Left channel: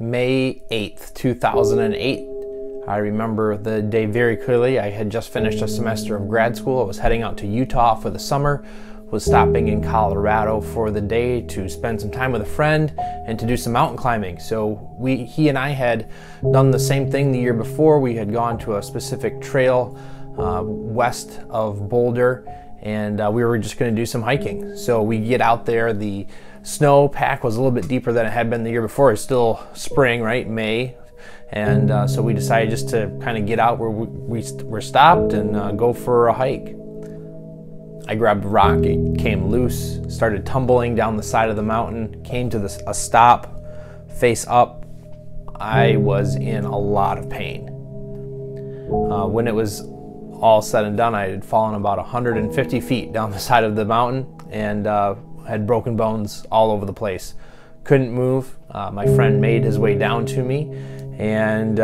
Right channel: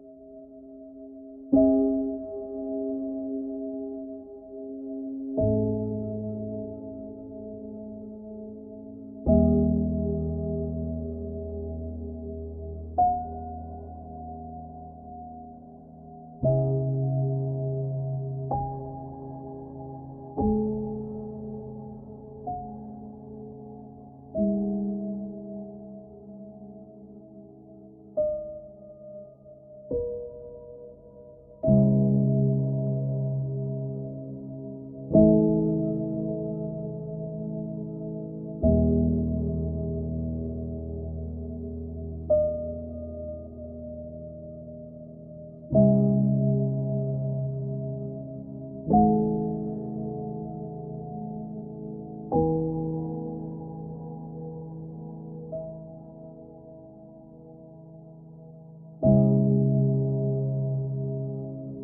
May 8th, 2008. I remember the day very clearly. I had just finished a semester of grad school. I was heading out to Utah for the summer, was stopping in Colorado for the day to spend some time with a friend and to do some mountain climbing. So he and I had done the same thing the year before. We had gone to a specific trail west of Boulder, and we were just going to do some hiking. So we get out there. The snow pack was a little bit deeper than it had been the year before. It's still spring, right? May. And so we decided just to kind of get out where we were stopped and go for a hike. I grabbed a rock, it came loose, started tumbling down the side of the mountain, came to a stop, face up. I was in a lot of pain. When it was all said and done, I had fallen about 150 feet down the side of the mountain and had broken bones all over the place. Couldn't move. My friend made his way down to me and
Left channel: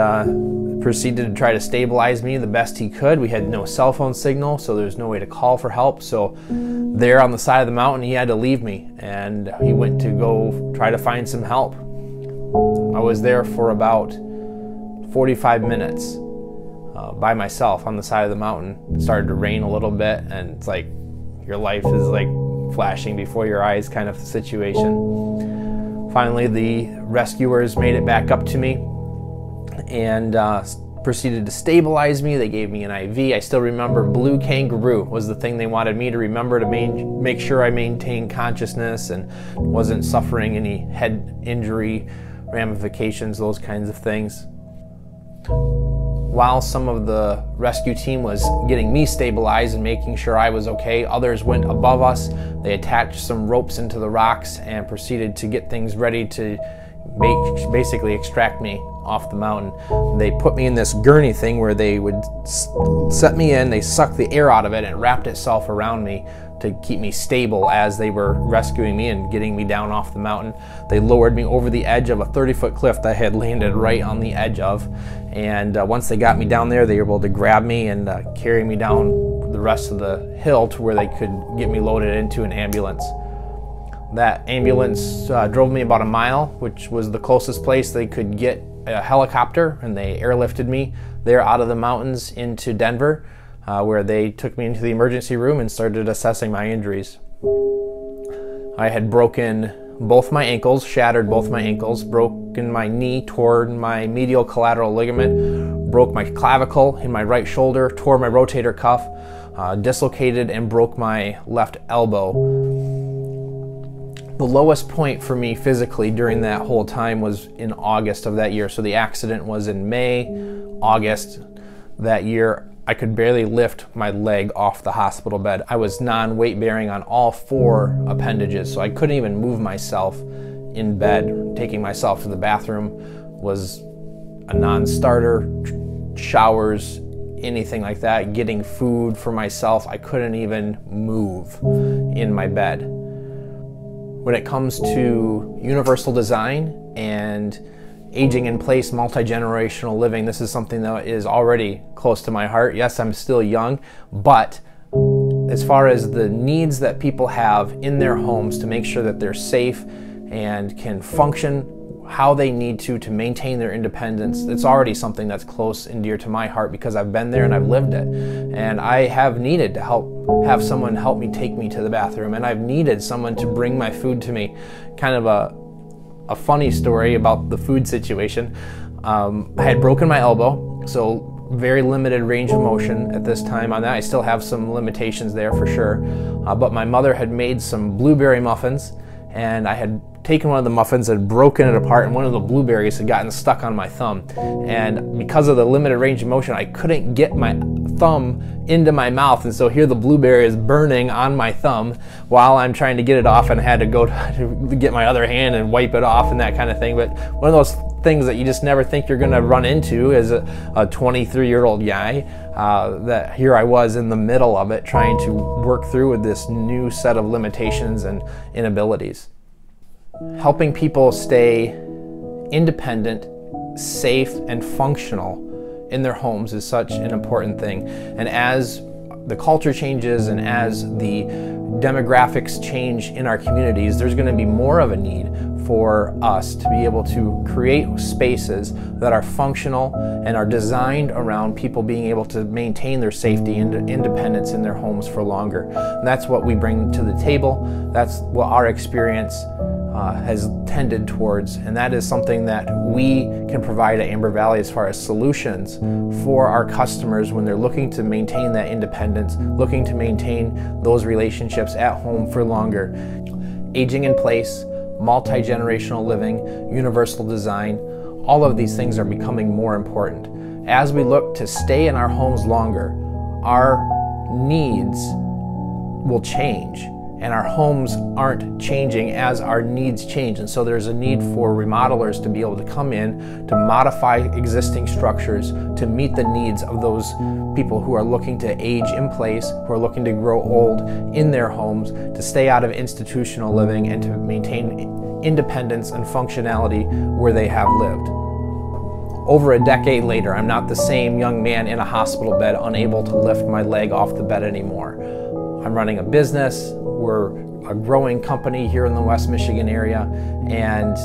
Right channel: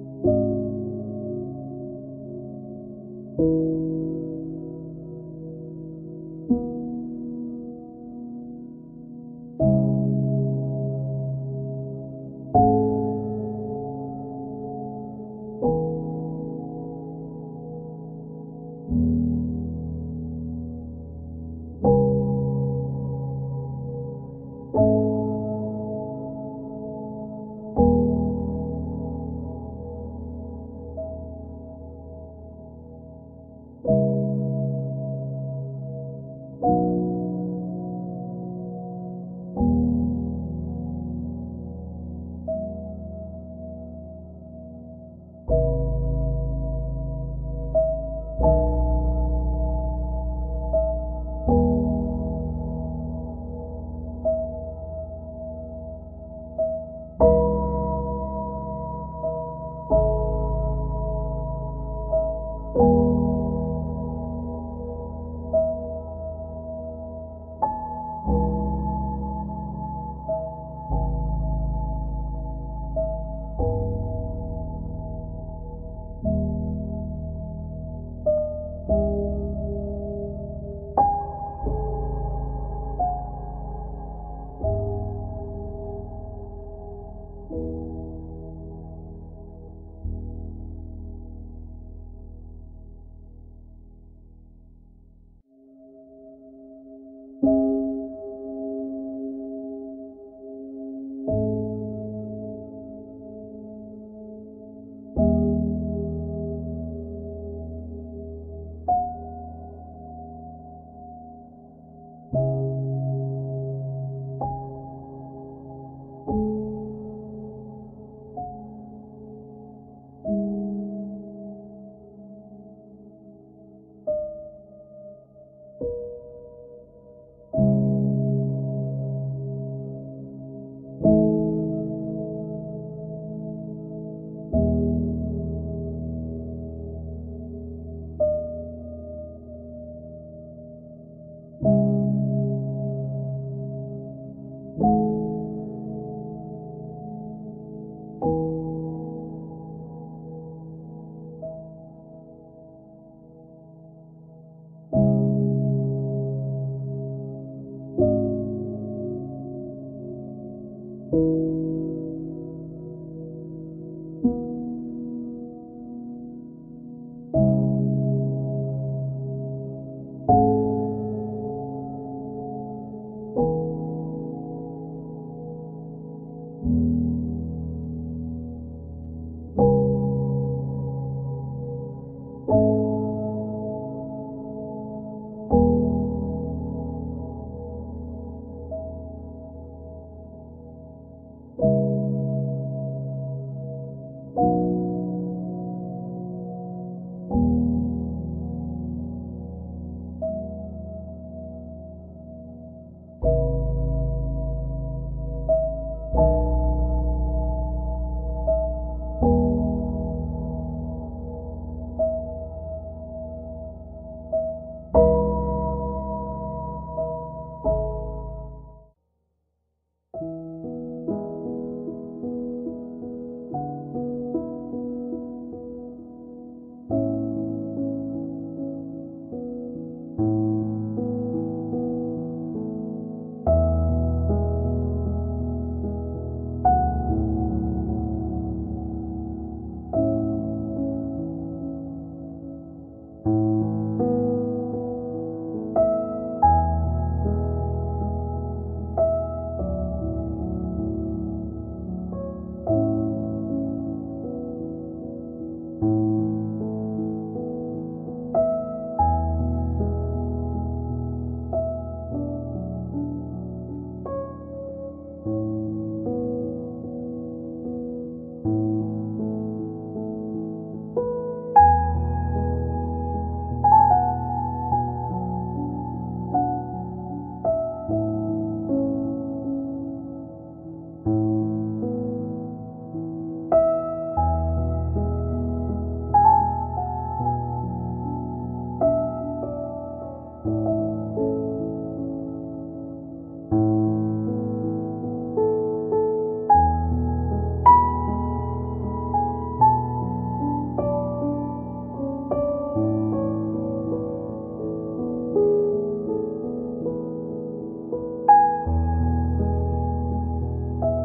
proceeded to try to stabilize me the best he could. We had no cell phone signal, so there's no way to call for help. So there on the side of the mountain, he had to leave me, and he went to go try to find some help. I was there for about 45 minutes by myself on the side of the mountain. It started to rain a little bit, and it's like your life is like flashing before your eyes kind of situation. Finally, the rescuers made it back up to me and proceeded to stabilize me. They gave me an IV. I still remember blue kangaroo was the thing they wanted me to remember to make sure I maintained consciousness and wasn't suffering any head injury ramifications, those kinds of things. While some of the rescue team was getting me stabilized and making sure I was okay, others went above us. They attached some ropes into the rocks and proceeded to get things ready to basically extract me off the mountain. They put me in this gurney thing where they would set me in, they sucked the air out of it and it wrapped itself around me to keep me stable as they were rescuing me and getting me down off the mountain. They lowered me over the edge of a 30-foot cliff that I had landed right on the edge of. And once they got me down there, they were able to grab me and carry me down the rest of the hill to where they could get me loaded into an ambulance. That ambulance drove me about a mile, which was the closest place they could get a helicopter, and they airlifted me there out of the mountains into Denver, where they took me into the emergency room and started assessing my injuries. I had broken both my ankles, shattered both my ankles, broken my knee, torn my medial collateral ligament, broke my clavicle in my right shoulder, tore my rotator cuff, dislocated and broke my left elbow. The lowest point for me physically during that whole time was in August of that year. So the accident was in May, August that year. I could barely lift my leg off the hospital bed. I was non-weight bearing on all 4 appendages, so I couldn't even move myself in bed. Taking myself to the bathroom was a non-starter. Showers, anything like that. Getting food for myself, I couldn't even move in my bed. When it comes to universal design and aging in place, multi-generational living, this is something that is already close to my heart. Yes, I'm still young, but as far as the needs that people have in their homes to make sure that they're safe and can function how they need to maintain their independence, it's already something that's close and dear to my heart because I've been there and I've lived it. And I have needed to have someone help me take me to the bathroom, and I've needed someone to bring my food to me. Kind of a funny story about the food situation. I had broken my elbow, so very limited range of motion at this time on that. I still have some limitations there for sure. But my mother had made some blueberry muffins, and I had taken one of the muffins and broken it apart, and one of the blueberries had gotten stuck on my thumb. And because of the limited range of motion, I couldn't get my thumb into my mouth, and so here the blueberry is burning on my thumb while I'm trying to get it off, and I had to go to get my other hand and wipe it off and that kind of thing. But one of those things that you just never think you're going to run into as a 23-year-old guy, that here I was in the middle of it trying to work through with this new set of limitations and inabilities. Helping people stay independent, safe, and functional in their homes is such an important thing. And as the culture changes and as the demographics change in our communities, there's going to be more of a need for us to be able to create spaces that are functional and are designed around people being able to maintain their safety and independence in their homes for longer. And that's what we bring to the table. That's what our experience has tended towards, and that is something that we can provide at Amber Valley as far as solutions for our customers when they're looking to maintain that independence, looking to maintain those relationships at home for longer. Aging in place, multi-generational living, universal design, all of these things are becoming more important. As we look to stay in our homes longer, our needs will change, and our homes aren't changing as our needs change. And so there's a need for remodelers to be able to come in to modify existing structures to meet the needs of those people who are looking to age in place, who are looking to grow old in their homes, to stay out of institutional living and to maintain independence and functionality where they have lived. Over a decade later, I'm not the same young man in a hospital bed unable to lift my leg off the bed anymore. I'm running a business. We're a growing company here in the West Michigan area, and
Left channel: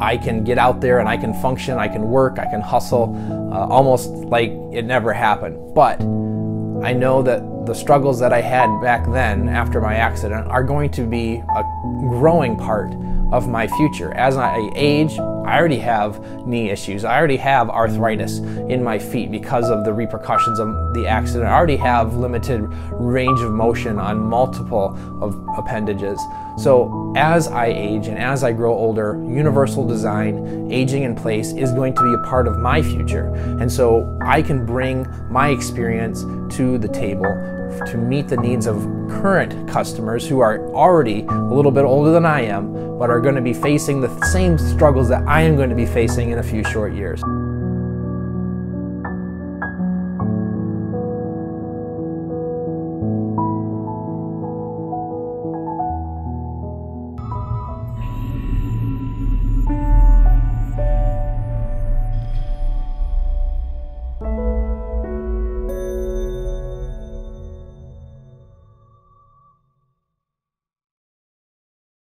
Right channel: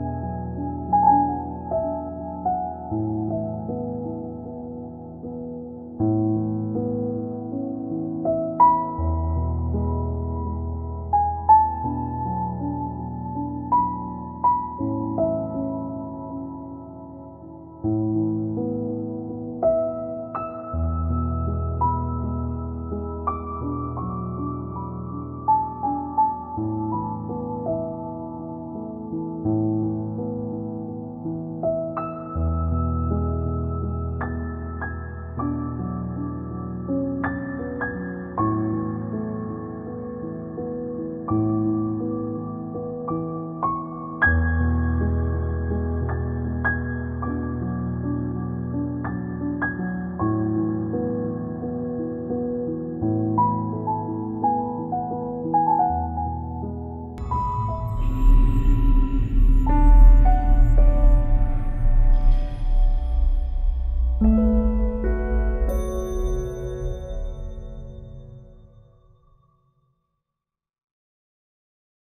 I can get out there and I can function, I can work, I can hustle, almost like it never happened. But I know that the struggles that I had back then after my accident are going to be a growing part of my future. As I age, I already have knee issues. I already have arthritis in my feet because of the repercussions of the accident. I already have limited range of motion on multiple of appendages. So as I age and as I grow older, universal design, aging in place is going to be a part of my future. And so I can bring my experience to the table to meet the needs of current customers who are already a little bit older than I am, but are going to be facing the same struggles that I am going to be facing in a few short years.